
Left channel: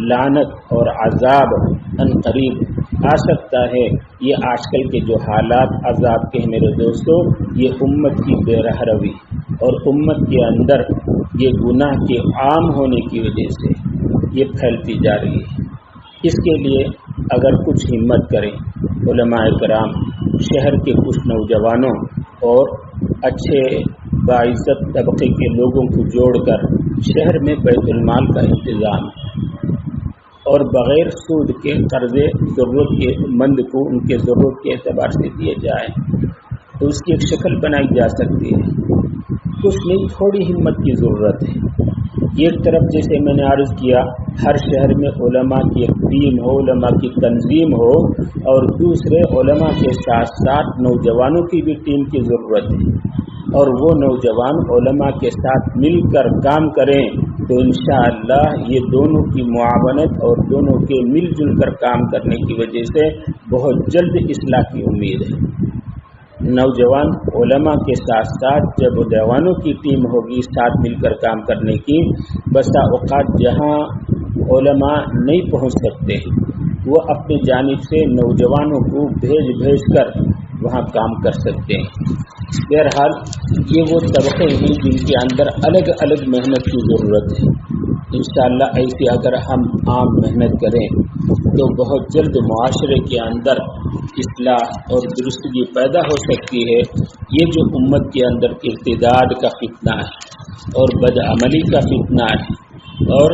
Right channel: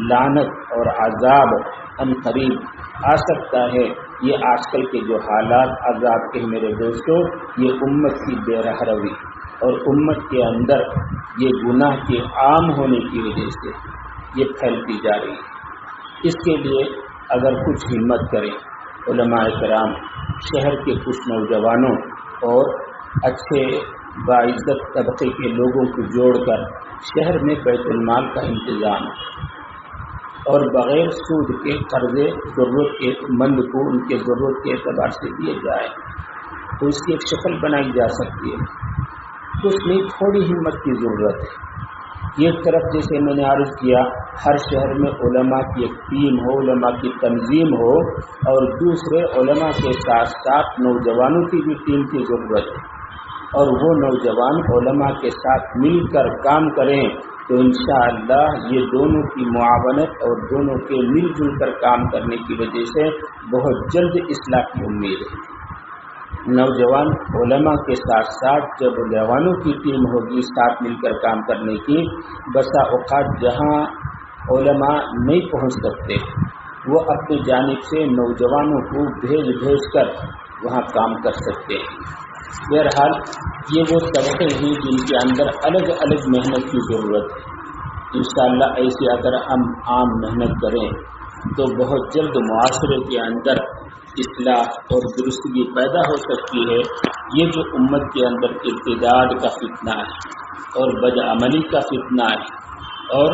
لعنت اور عذاب ان قریب آ سکتا ہے۔ یہ آج کل کے جو حالات عذاب کے میرے دوستوں، یہ امت کی بے رحمی اور امت کے اندر یہ گناہ کے عام ہونے کی وجہ سے یہ پھیلتی جا رہی ہے۔ اس کے لیے اگر کچھ ہمت کریں علماء کرام، شہر کے کچھ نوجوانوں اور اچھے باعزت طبقے کے لوگوں کو جوڑ کر شہر میں بیت المال کا انتظام اور بغیر سود کے قرضے ضرورت کے مند کو ان کے ضرورت کے اعتبار سے دیے جائیں تو اس کی ایک شکل بنائی جا سکتی ہے۔ کچھ نہیں، تھوڑی ہمت کی ضرورت ہے۔ ایک طرف جیسے میں نے عرض کیا، ہر شہر میں علماء کی ایک ٹیم ہو، علماء کی تنظیم ہو، اور دوسرے علماء کے ساتھ ساتھ نوجوانوں کی بھی ٹیم کی ضرورت ہے، اور وہ نوجوان علماء کے ساتھ مل کر کام کریں تو انشاءاللہ یہ دونوں کی معاونت اور دونوں کے مل جل کر کام کرنے کی وجہ سے بہت جلد اصلاح کی امید ہے۔ نوجوان علماء کے ساتھ ساتھ جب جوانوں کی ٹیم ہوگی ساتھ مل کر کام کرنے کی، بسا اوقات جہاں علماء نہیں پہنچ سکتے وہ اپنی جانب سے نوجوانوں کو بھیج کر وہاں کام کر سکتے ہیں۔ بہرحال یہ وہ طبقے ہیں جن کے اندر الگ الگ محنت کی ضرورت ہے۔ انشاءاللہ ایسی اگر ہم عام محنت کریں تو بہت جلد معاشرے کے اندر اصلاح اور درستگی پیدا ہو سکتی ہے۔ یہ جو امت کے اندر ارتداد کا فتنہ ہے اور بدعملی کا فتنہ ہے اور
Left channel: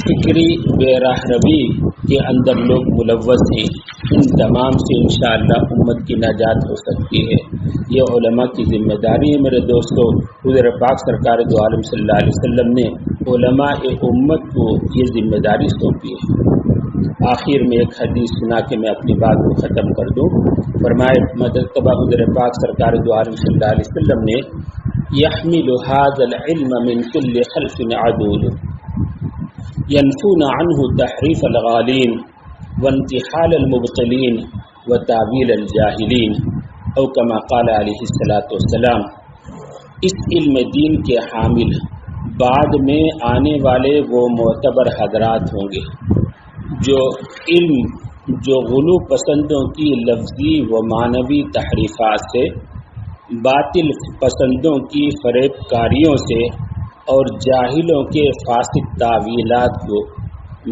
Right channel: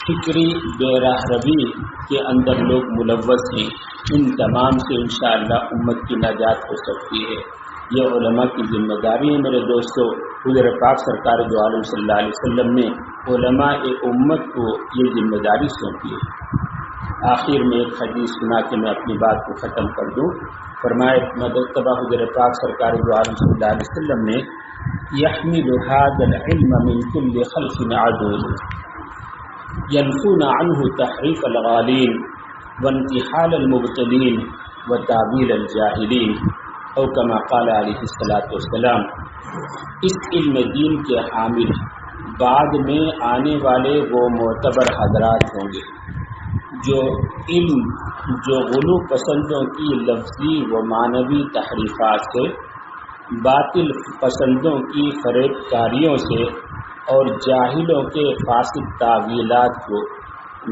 فکری بے راہ روی کے اندر لوگ ملوث ہیں، ان تمام سے انشاءاللہ امت کی نجات ہو سکتی ہے۔ یہ علماء کی ذمہ داری ہے میرے دوستو۔ حضور پاک سرکار دو عالم صلی اللہ علیہ وسلم نے علماء امت کو یہ ذمہ داری سونپی ہے۔ آخر میں ایک حدیث سنا کے میں اپنی بات کو ختم کر دوں۔ فرمائے مرتبہ حضور پاک سرکار دو عالم صلی اللہ علیہ وسلم نے يحمل هذا العلم من كل خلف عدول ينفون عنه تحريف الغالين وانتحال المبطلين وتاويل الجاهلين او كما قال علیہ الصلوۃ والسلام۔ اس علم دین کے حامل بعد میں آنے والے وہ معتبر حضرات ہوں گے جو غلو پسندوں کی لفظی و معنوی تحریفات سے، باطل پسندوں کی فریب کاریوں سے اور جاہلوں کے فاسد تعویلات کو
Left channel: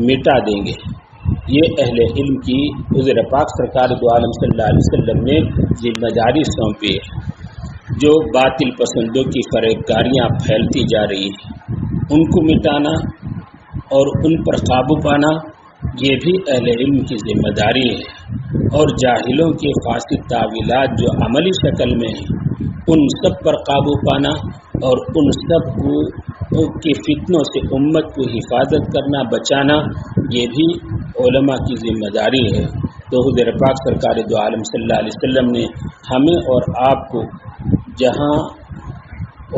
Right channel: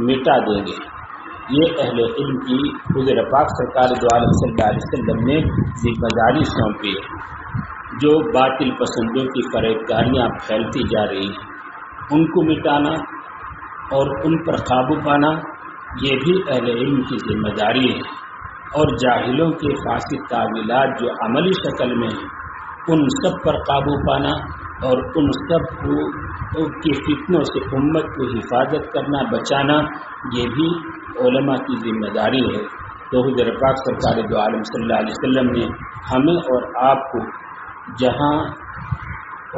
مٹا دیں گے۔ یہ اہل علم کی حضور پاک سرکار دو عالم صلی اللہ علیہ وسلم نے ذمہ داری سونپی ہے۔ جو باطل پسندوں کی فریب کاریاں پھیلتی جا رہی ہیں ان کو مٹانا اور ان پر قابو پانا یہ بھی اہل علم کی ذمہ داری ہے، اور جاہلوں کے فاسد تعویلات جو عملی شکل میں ہیں ان سب پر قابو پانا اور ان سب کے فتنوں سے امت کو حفاظت کرنا، بچانا، یہ بھی علماء کی ذمہ داری ہے۔ تو حضور پاک سرکار دو عالم صلی اللہ علیہ وسلم نے ہمیں اور آپ کو جہاں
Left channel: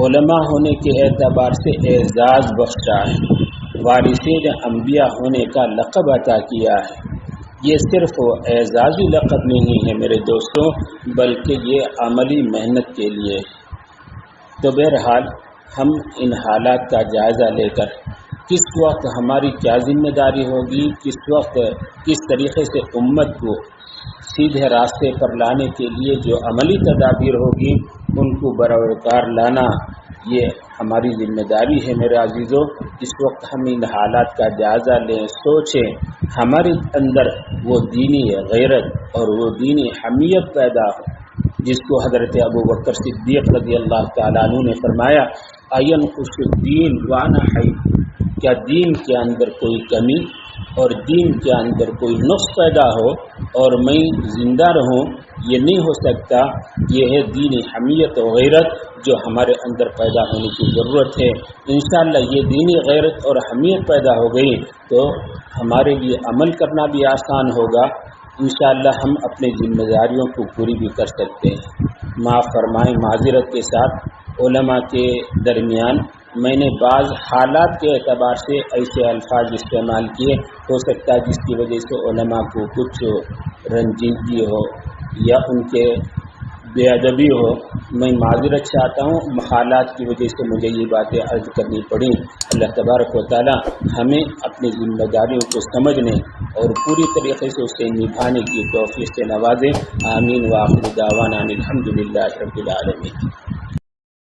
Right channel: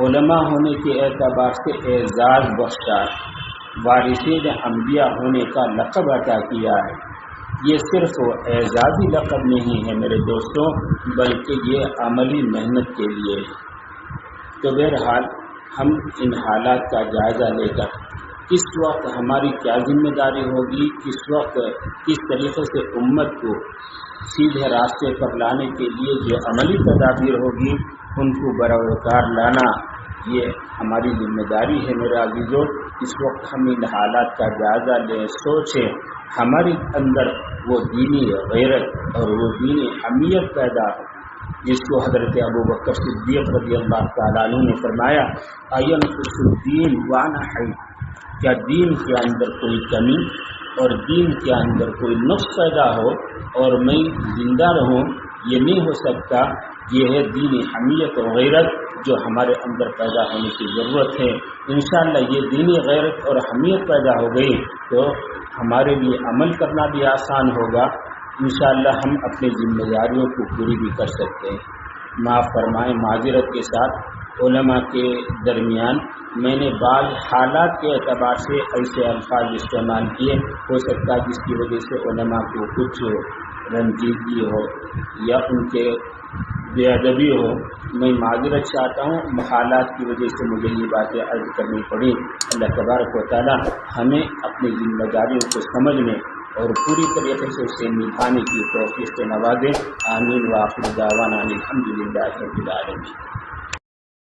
علماء ہونے کے اعتبار سے اعزاز بخشا ہے، وارثین انبیاء ہونے کا لقب عطا کیا ہے، یہ صرف اعزازی لقب نہیں ہے میرے دوستوں، بلکہ یہ عملی محنت کے لیے ہے۔ تو بہرحال ہم ان حالات کا جائزہ لے کر کس وقت ہماری کیا ذمہ داری ہوگی، کس وقت کس طریقے سے امت کو سیدھے راستے پر لانے کے لیے جو عملی تدابیر ہوگی ان کو بروکار لانا، یہ ہماری ذمہ داری ہے میرے عزیزوں۔ اس وقت ہم ان حالات کا جائزہ لیں، سوچیں، ہمارے اندر وہ دینی غیرت اور وہ دینی حمیت پیدا ہو جس کو حضرت ابوبکر صدیق رضی اللہ تعالیٰ عنہ نے فرمایا، اینقص الدین وانا حی، کیا دین کے اندر کوئی کمی اور دین کے اندر کوئی نقص پیدا ہو اور میں زندہ رہوں؟ یہ نہیں ہو سکتا۔ یہ ہے دینی حمیت و غیرت جو ہمارے اندر پیدا ہونے کی ضرورت ہے۔ انشاءاللہ یہ دینی غیرت اور حمیت پیدا ہو گئی تو ہمارے لیے عمل کرنا بھی آسان ہوگا۔ انشاءاللہ ہم اپنی ذمہ داریوں کو پوری بھی کر سکتے ہیں۔ معاف فرمائیں، معذرت کے ساتھ علماء کے درمیان میں نے بعض حالات کے اعتبار سے ایسے الفاظ استعمال کیے، ہو سکتا ہے جس کی وجہ سے علماء کو کچھ رنجیدگی ہو یا ان کے بے ادبی ہو، میں معذرت چاہتا ہوں، حالات کی وجہ سے مجھے یہ باتیں عرض کرنی پڑی۔ اللہ تبارک و تعالی ہمیں اپنی ذمہ داریوں کو سمجھنے اور پوری طریقے سے اسے نبھانے کی توفیق سے نوازے۔ آمین۔ وآخر دعوانا الحمدللہ رب العالمین۔